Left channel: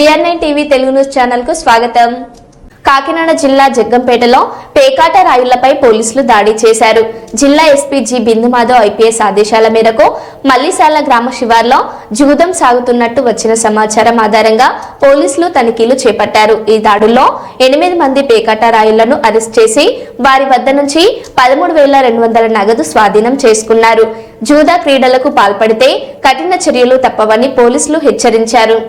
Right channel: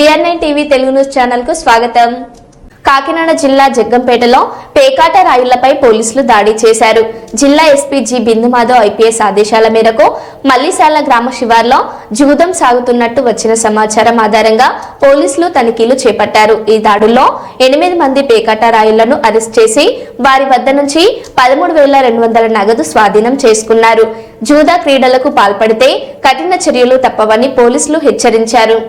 BR9 TV Telugu news channel కు స్వాగతం. కాకినాడ జిల్లా జగ్గంపేటలో పేకాట రాయుళ్లపై పోలీసులు దాడి చేశారు. జిల్లా ఎస్పీ జి బిందుమాధవ్ ఐపీఎస్ ఆదేశాల మేరకు మల్లిశాల గ్రామ శివార్లో జూదం సాగుతున్నట్టు వచ్చిన సమాచారం ఆధారంగా పోలీసులు తనిఖీలు చేపట్టారు. ఈ దాడుల్లో 8 మంది పేకాట రాయుళ్లను అరెస్ట్ చేసి వారి వద్ద నుంచి 13,200 నగదు స్వాధీనం చేసుకున్నారు. జూదా క్రీడలకు పాల్పడితే కఠిన చర్యలు తప్పవని పోలీసులు హెచ్చరించారు.